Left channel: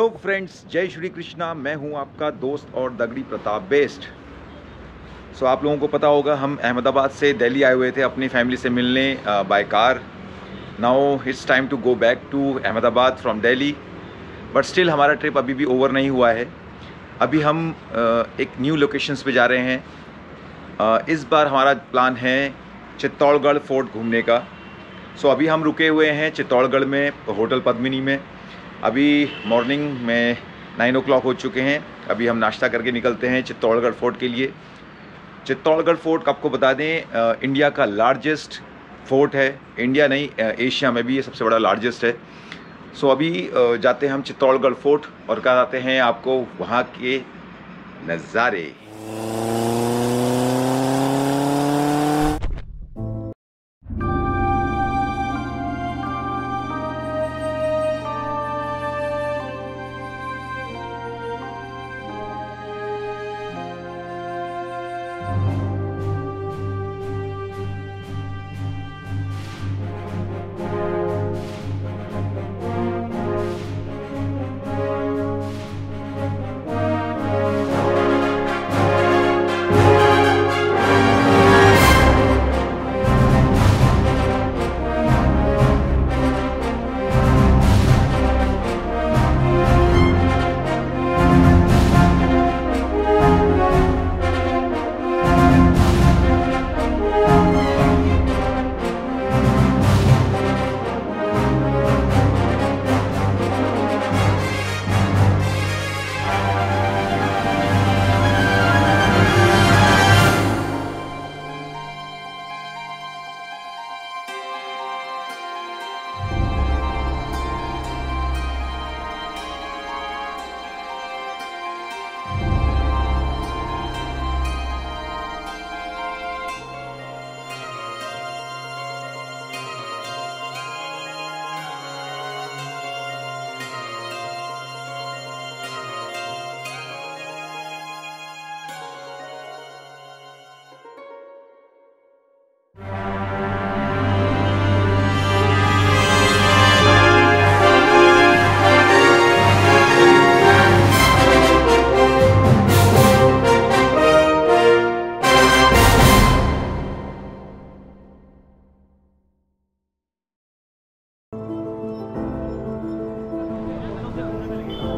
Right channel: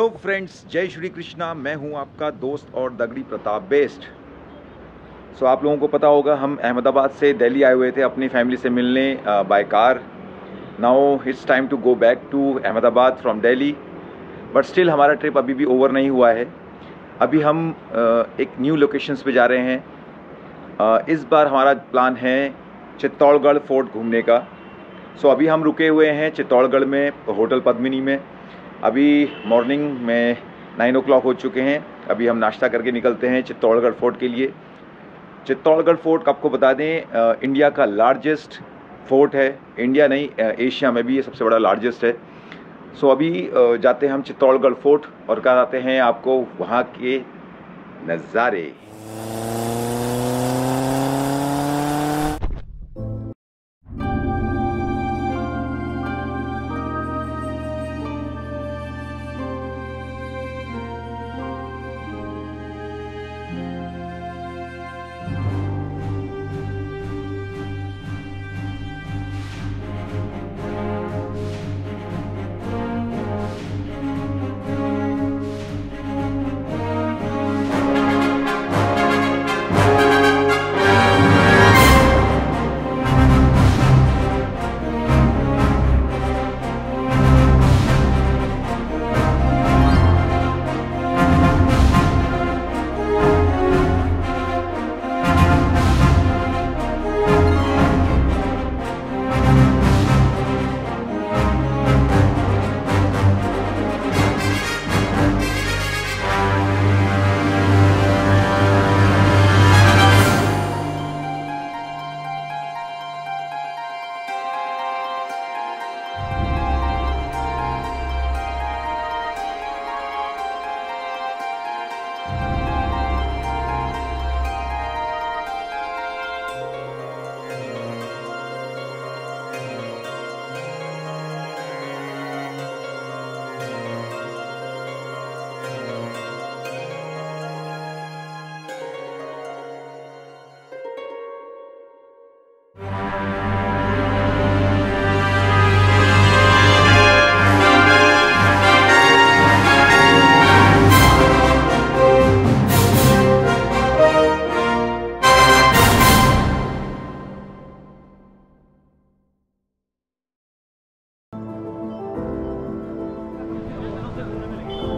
Hello friends, जय श्री कृष्णा। मैं हूं आपका दोस्त और दगड़ी प्रताप बेस्ट। आप लोगों को पता होगा, हम अहमदाबाद से दिल्ली आए हुए थे अपनी फैमिली से मिलने by car. Now it's time to go back to Ahmedabad from Delhi, but still हमारा ट्रिप अभी भी ओवर नहीं हुआ है। अभी हम एक न्यू लोकेशंस पे जा रहे हैं। इस बार हमारा प्लान है चित्तौड़गढ़ फोर्ट घूमने का। अभी हम रुके हुए हैं चित्तौड़गढ़ में, होटल पद्मिनी में। अभी मॉर्निंग में 9 o'clock हो चुके हैं। अभी हम नाश्ता करके निकलते हैं चित्तौड़गढ़ फोर्ट के लिए। चित्तौड़गढ़ फोर्ट आपको बता दें, इंडिया का लार्जेस्ट फोर्ट है। इंडिया नहीं, एशिया में भी ये सबसे बड़ा लार्जेस्ट है। अभी जाते हैं हम चित्तौड़गढ़ फोर्ट और कराते हैं आपको वहाँ के नज़ारे।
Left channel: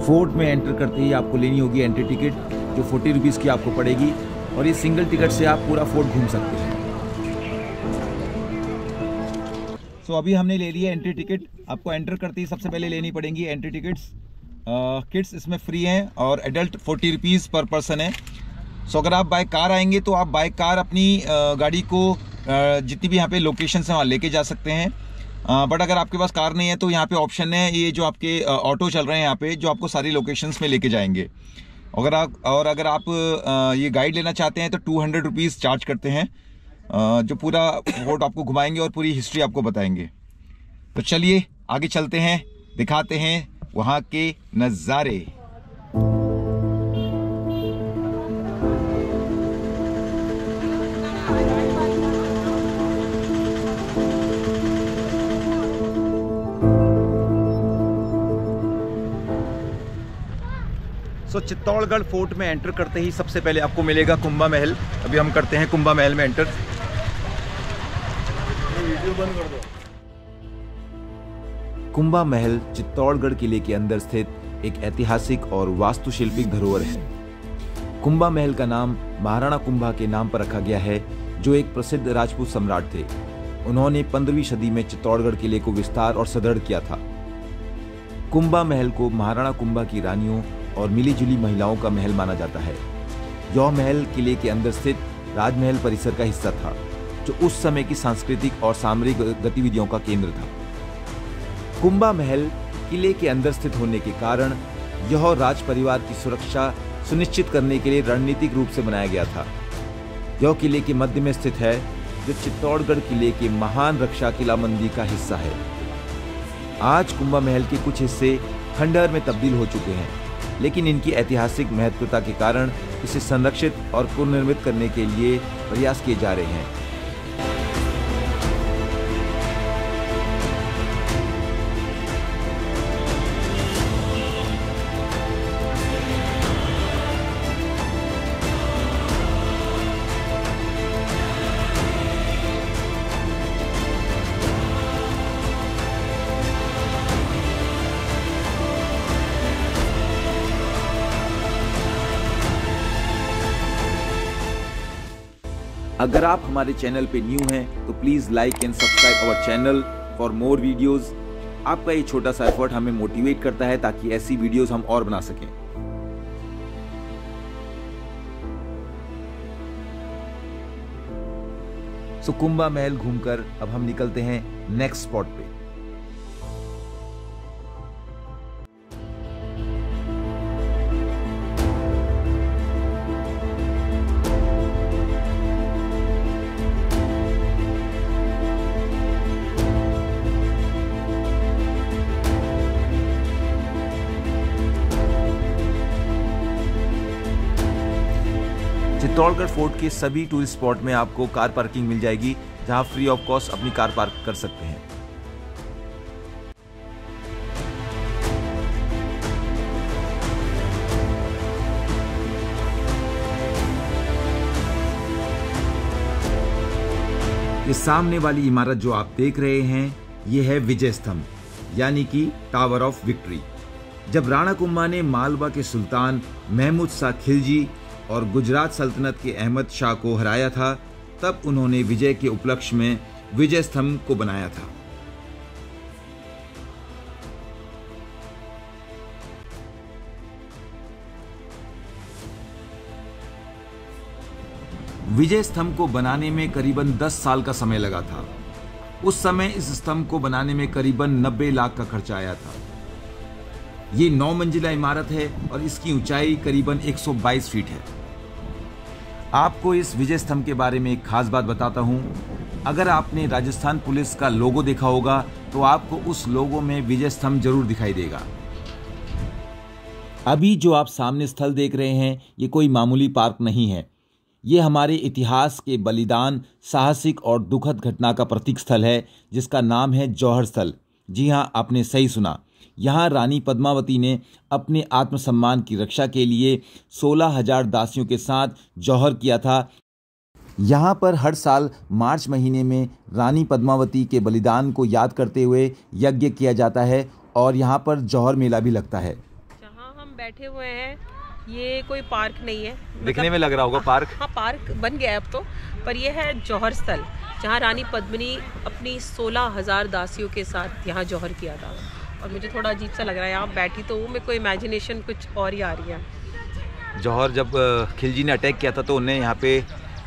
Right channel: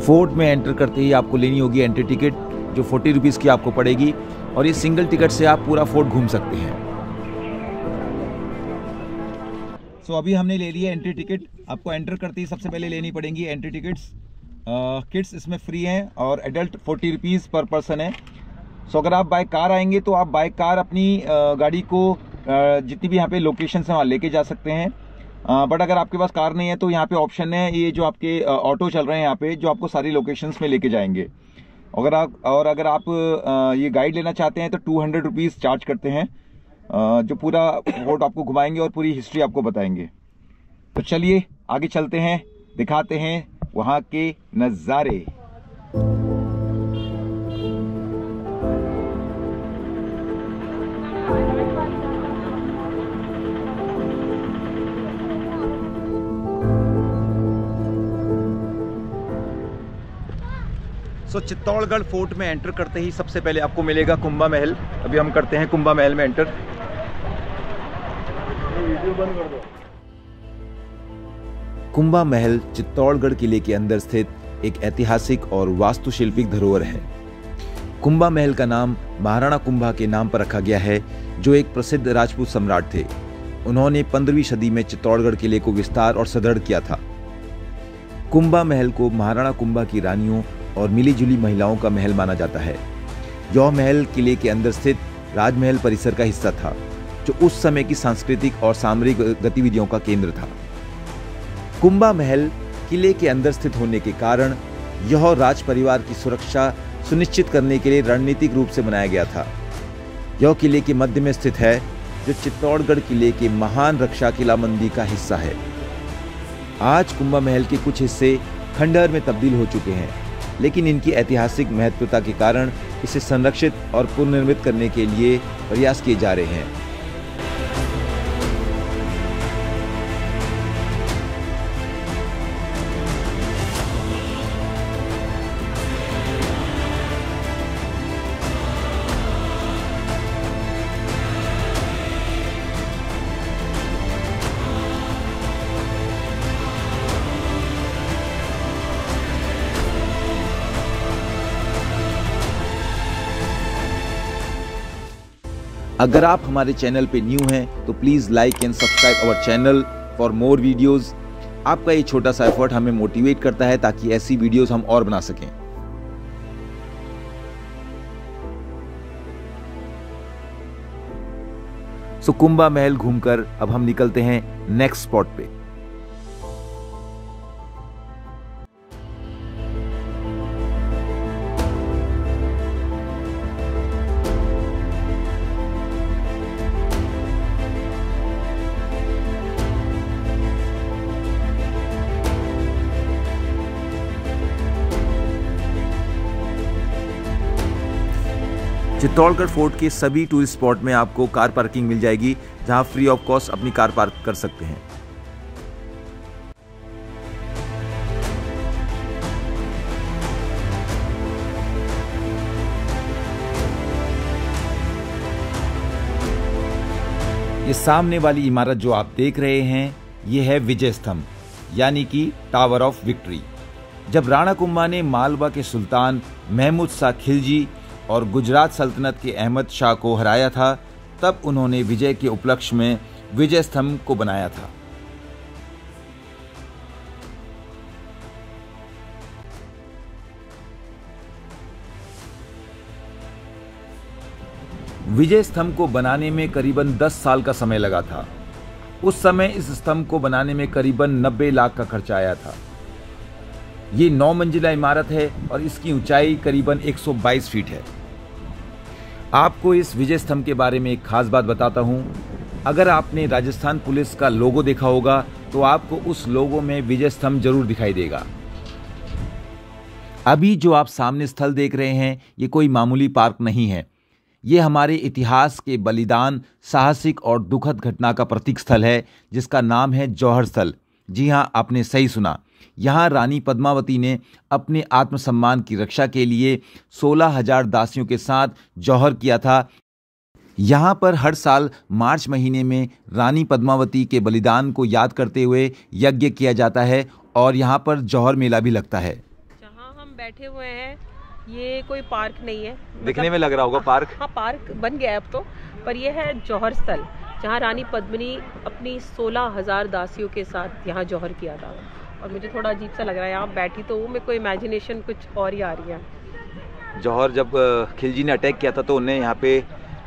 फोर्ट में एंटर करते ही आपको लेनी होगी एंट्री टिकट, जो 40 रुपीज़ की आपको पड़ेगी, और ये सिंगल टिकट से आप पूरा फोर्ट घूम सकते हैं। अभी हमने ले लिया एंट्री टिकट। आपको एंटर करते ही सबसे पहले लेनी पड़ेंगी एंट्री टिकट्स। किड्स इसमें फ्री हैं और एडल्ट 40 रुपीज़ पर पर्सन है। अगर आप बाय कार आएंगे तो आप बाय कार अपनी गाड़ी को जितनी भी यहाँ पे लोकेशन है वहाँ लेके जा सकते हैं। बट अगर आपके पास कार नहीं है तो यहाँ पे ऑप्शन है, ये जो आपके ऑटो चल रहे हैं यहाँ पे, जो आपको सारी लोकेशंस में लेके जाएंगे। अगर आप ये गाइड लेना चाहते हैं तो 200 रुपीज़ चार्ज करते हैं, जो पूरा फोर्ट आपको घुमाएंगे और पूरी हिस्ट्री आपको बताएंगे। तो चलिए आगे चलते हैं, दिखाते हैं वहाँ के नज़ारे। चित्तौड़गढ़ फोर्ट में एंटर करते ही सबसे पहले आपको मिलेगा कुंभा महल। अभी हम करते हैं कुंभा महल में एंटर। कुंभा महल चित्तौड़गढ़ किले के अंदर स्थित एक ऐतिहासिक और वास्तुशिल्पिक धरोहर है। कुंभा महल का नाम महाराणा कुंभा के नाम पर रखा गया है, जो एक प्रसिद्ध राजपूत सम्राट थे। उन्होंने 15वीं सदी में चित्तौड़गढ़ किले को विस्तार और सुदृढ़ किया था। कुंभा महल को महाराणा कुंभा की रानियों और मिलीजुली महिलाओं का महल माना जाता है। यह महल किले के अंदर स्थित राजमहल परिसर का हिस्सा था, जो उस समय की सांस्कृतिक और सामरिक गतिविधियों का केंद्र था। कुंभा महल किले के अंदर स्थित होने के कारण यह राज परिवार की सुरक्षा सुनिश्चित करने के लिए रणनीतिक रूप से बनाया गया था। यह किले के मध्य में स्थित है, जो चित्तौड़गढ़ किले के महान रक्षा किलाबंदी का हिस्सा है। आज कुंभा महल के कुछ हिस्से खंडहर में तब्दील हो चुके हैं, लेकिन इनकी ऐतिहासिक महत्वता के कारण इसे संरक्षित और पुनर्निर्मित करने के लिए प्रयास किए जा रहे हैं। अगर आप हमारे चैनल पे न्यू हैं तो please like and subscribe our channel for more videos. आपका ये छोटा सा एफर्ट हमें मोटिवेट करता है ताकि ऐसी वीडियोस हम और बना सकें। सो कुंभा महल घूमकर अब हम निकलते हैं नेक्स्ट स्पॉट पे। चित्तौड़गढ़ फोर्ट के सभी टूरिस्ट स्पॉट में आपको कार पार्किंग मिल जाएगी, जहां फ्री ऑफ कॉस्ट अपनी कार पार्क कर सकते हैं। ये सामने वाली इमारत जो आप देख रहे हैं, ये है विजय स्तंभ यानी कि टावर ऑफ विक्ट्री। जब राणा कुंभा ने मालवा के सुल्तान महमूद शाह खिलजी और गुजरात सल्तनत के अहमद शाह को हराया था, तब उन्होंने विजय के उपलक्ष्य में विजय स्तंभ को बनाया था। विजय स्तंभ को बनाने में करीबन 10 साल का समय लगा था। उस समय इस स्तंभ को बनाने में करीबन 90 लाख का खर्चा आया था। ये 9 मंजिला इमारत है और इसकी ऊंचाई करीबन 122 फीट है। आपको इस विजय स्तंभ के बारे में एक खास बात बताता हूं। अगर आपने राजस्थान पुलिस का लोगो देखा होगा तो आपको उस लोगो में विजय स्तंभ जरूर दिखाई देगा। अभी जो आप सामने स्थल देख रहे हैं, ये कोई मामूली पार्क नहीं है। ये हमारे इतिहास के बलिदान, साहसिक और दुखद घटना का प्रतीक स्थल है, जिसका नाम है जौहर स्थल। जी हाँ, आपने सही सुना। यहाँ रानी पद्मावती ने अपने आत्मसम्मान की रक्षा के लिए 16,000 दासियों के साथ जौहर किया था। यहाँ पर हर साल मार्च महीने में रानी पद्मावती के बलिदान को याद करते हुए यज्ञ किया जाता है और यहाँ पर जौहर मेला भी लगता है। जहाँ हम बैठे हुए हैं ये कोई पार्क नहीं है, दिखने में लग रहा होगा पार्क। हाँ, पार्क बन गया अब तो, पर यह है जौहर स्थल, जहाँ रानी पद्मिनी अपनी 16,000 दासियों के साथ यहाँ जौहर किया था। और मुझे थोड़ा अजीब सा लग रहा है, यहाँ बैठी तो मेरे को इमेजिनेशन कुछ और ही आ रही है। जौहर जब खिलजी ने अटैक किया था तो उन्हें यहाँ पे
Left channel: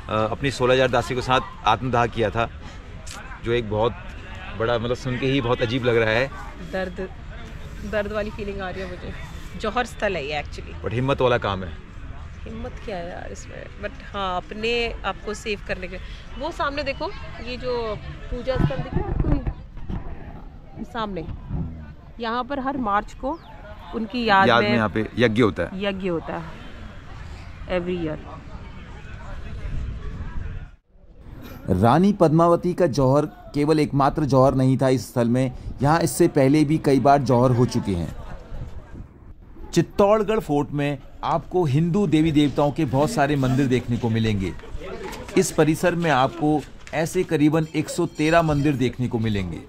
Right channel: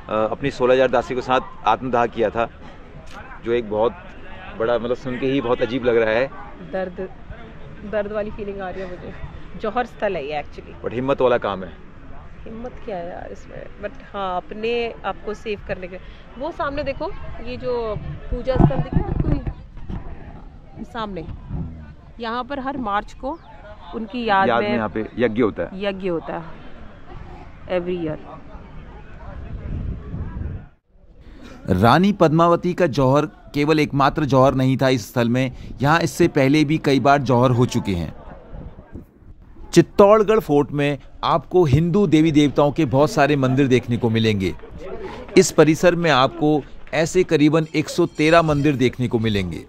अपनी 16,000 दासियों के साथ आत्मदाह किया था, जो एक बहुत बड़ा, मतलब सुन के ही बहुत अजीब लग रहा है। दर्द वाली फीलिंग आ रही है मुझे। जौहर स्थल है ये एक्चुअली, बट हिम्मत वाला काम है। हिम्मत क्या है यार इसमें, बट हाँ, अपने आपको सेव करने के। वो सामने देखो, ये जो पूजा स्थल दिख रहा है आपको सामने, यहाँ पर हर मार्च को उनकी याद में यहाँ पे यज्ञ होता है एवरी ईयर। रानी पद्मावती का जौहर केवल एकमात्र जौहर नहीं था इस स्थल में। यहाँ इससे पहले भी कई बार जौहर हो चुके हैं। चित्तौड़गढ़ फोर्ट में आपको हिंदू देवी देवताओं के बहुत सारे मंदिर देखने को मिलेंगे। इस परिसर में आपको ऐसे करीबन 113 मंदिर देखने को मिलेंगे।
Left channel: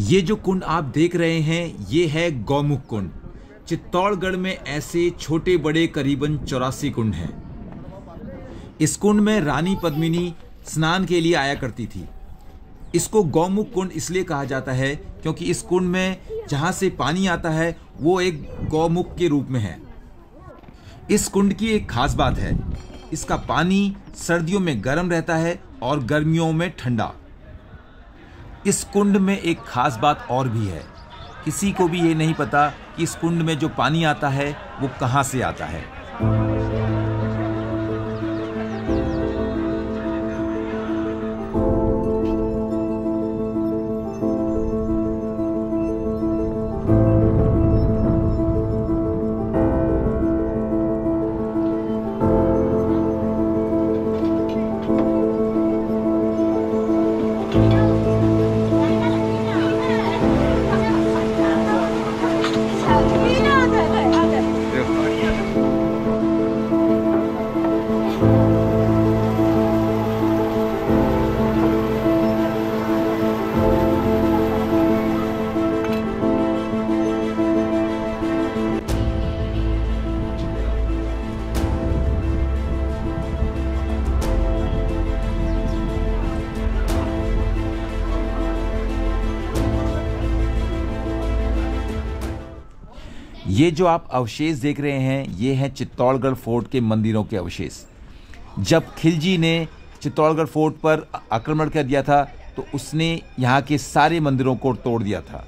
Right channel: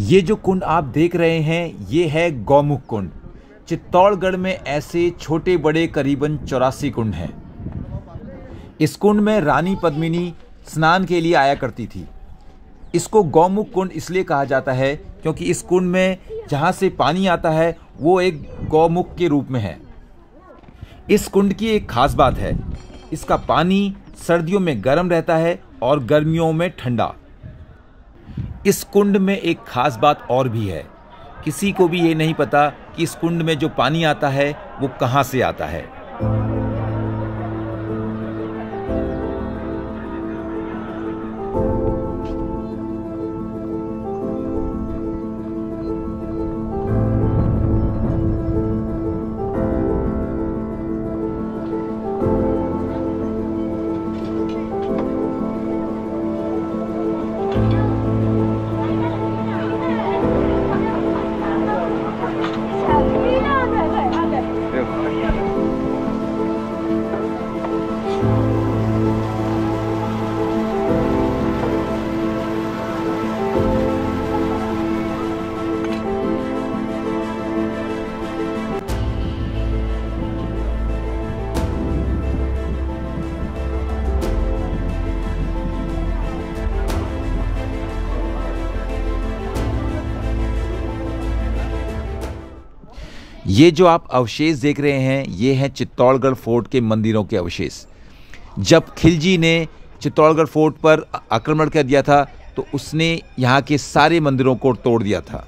ये जो कुंड आप देख रहे हैं, ये है गौमुख कुंड। चित्तौड़गढ़ में ऐसे छोटे बड़े करीबन 84 कुंड हैं। इस कुंड में रानी पद्मिनी स्नान के लिए आया करती थी। इसको गौमुख कुंड इसलिए कहा जाता है क्योंकि इस कुंड में जहां से पानी आता है वो एक गौमुख के रूप में है। इस कुंड की एक खास बात है, इसका पानी सर्दियों में गर्म रहता है और गर्मियों में ठंडा। इस कुंड में एक खास बात और भी है, किसी को भी ये नहीं पता कि इस कुंड में जो पानी आता है वो कहां से आता है। ये जो आप अवशेष देख रहे हैं ये हैं चित्तौड़गढ़ फोर्ट के मंदिरों के अवशेष। जब खिलजी ने चित्तौड़गढ़ फोर्ट पर आक्रमण कर दिया था तो उसने यहाँ के सारे मंदिरों को तोड़ दिया था।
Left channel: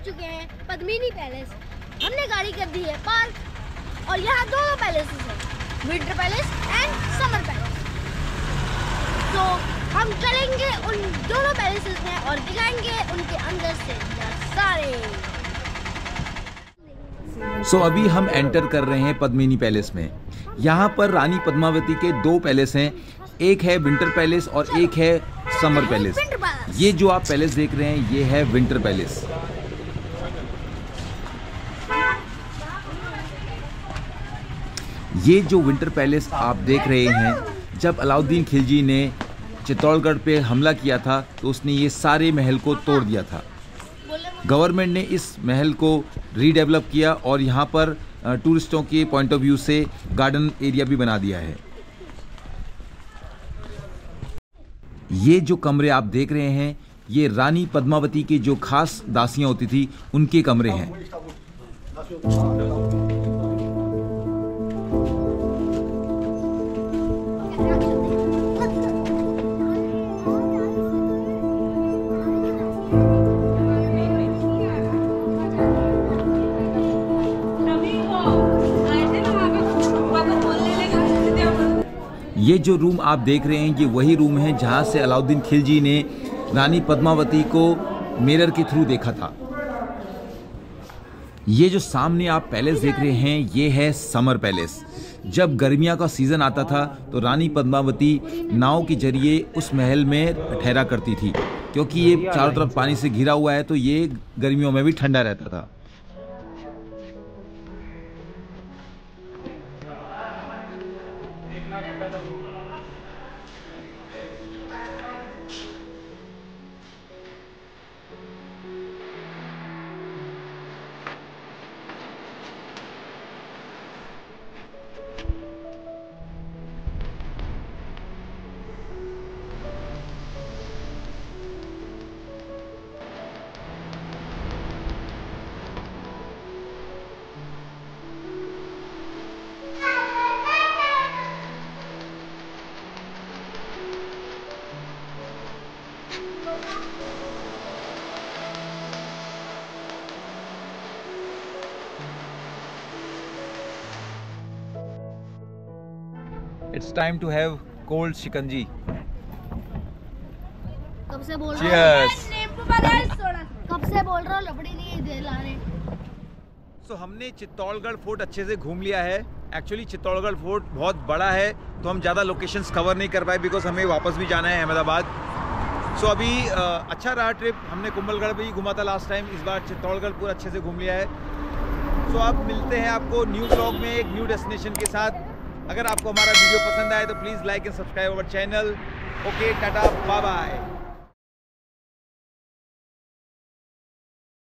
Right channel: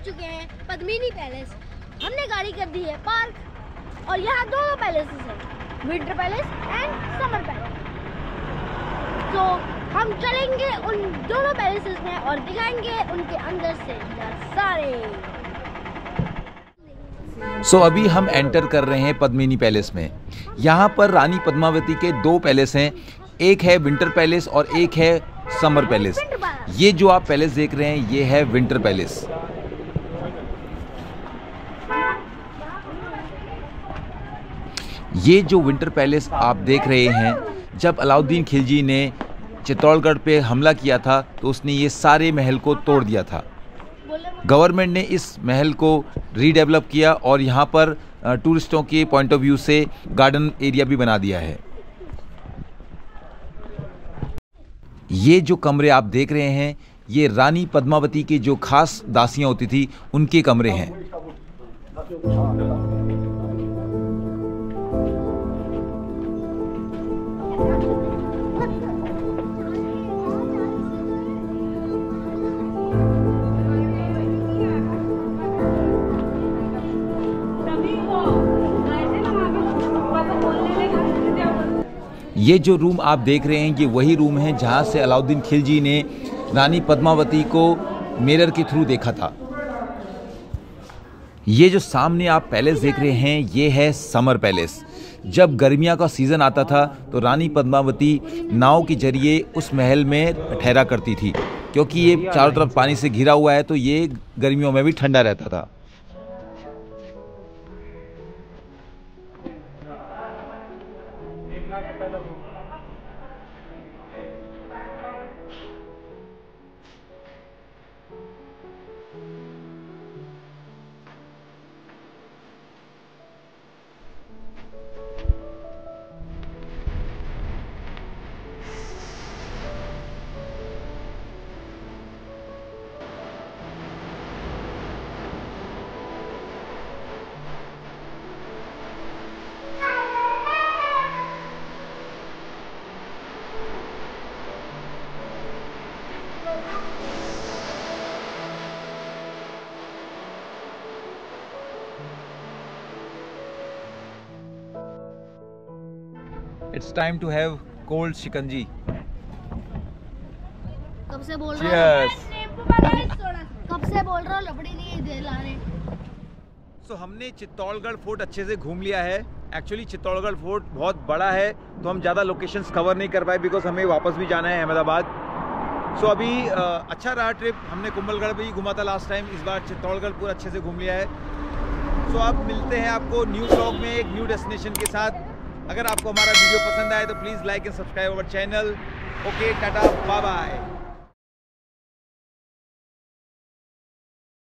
चुके हैं पद्मिनी पैलेस। हमने गाड़ी कर दी है पार्क और यहाँ दोनों पैलेसेस हैं, winter palace and summer palace. तो हम चलेंगे उन दोनों पैलेसेस में और दिखाएंगे उनके अंदर से नज़ारे। सो अभी हम एंटर कर रहे हैं पद्मिनी पैलेस में। यहाँ पर रानी पद्मावती के 2 पैलेस हैं, एक है विंटर पैलेस और एक है समर पैलेस। ये जो आप पैलेस देख रहे हैं ये है विंटर पैलेस। ये जो विंटर पैलेस आप देख रहे हैं, जब अलाउद्दीन खिलजी ने चित्तौड़गढ़ पे हमला किया था तो उसने ये सारे महल को तोड़ दिया था। गवर्नमेंट ने इस महल को रीडेवलप किया और यहाँ पर टूरिस्टों के पॉइंट ऑफ व्यू से गार्डन एरिया भी बना दिया है। ये जो कमरे आप देख रहे हैं ये रानी पद्मावती की जो खास दासियां होती थी उनके कमरे हैं। ये जो रूम आप देख रहे हैं ये वही रूम है जहाँ से अलाउद्दीन खिलजी ने रानी पद्मावती को मिरर के थ्रू देखा था। ये जो सामने आप पैलेस देख रहे हैं ये है समर पैलेस। जब गर्मियों का सीज़न आता था तो रानी पद्मावती नाव के जरिए उस महल में ठहरा करती थी, क्योंकि ये चारों तरफ पानी से घिरा हुआ है तो ये गर्मियों में भी ठंडा रहता था। It's time to have cold shikanji. कब से बोल Cheers. कब से बोल रहा हूँ, लपड़ी नहीं दे ला रहे। So हमने चित्तौड़गढ़ फोर्ट अच्छे से घूम लिया है। एक्चुअली चित्तौड़गढ़ फोर्ट बहुत बड़ा है तो हम ज़्यादा लोकेशंस कवर नहीं कर पाए बिकॉज हमें वापस भी जाना है अहमदाबाद। सो अभी अच्छा रहा ट्रिप। हमने कुंभलगढ़ भी घूमा था लास्ट टाइम, इस बार चित्तौड़गढ़ पूरा अच्छे से घूम लिया है। सो अब मिलते हैं आपको न्यू व्लॉग में एक न्यू डेस्टिनेशन के साथ। अगर आपको हमारा वीडियो पसंद आए तो please like and subscribe our channel. Okay, tata, bye bye.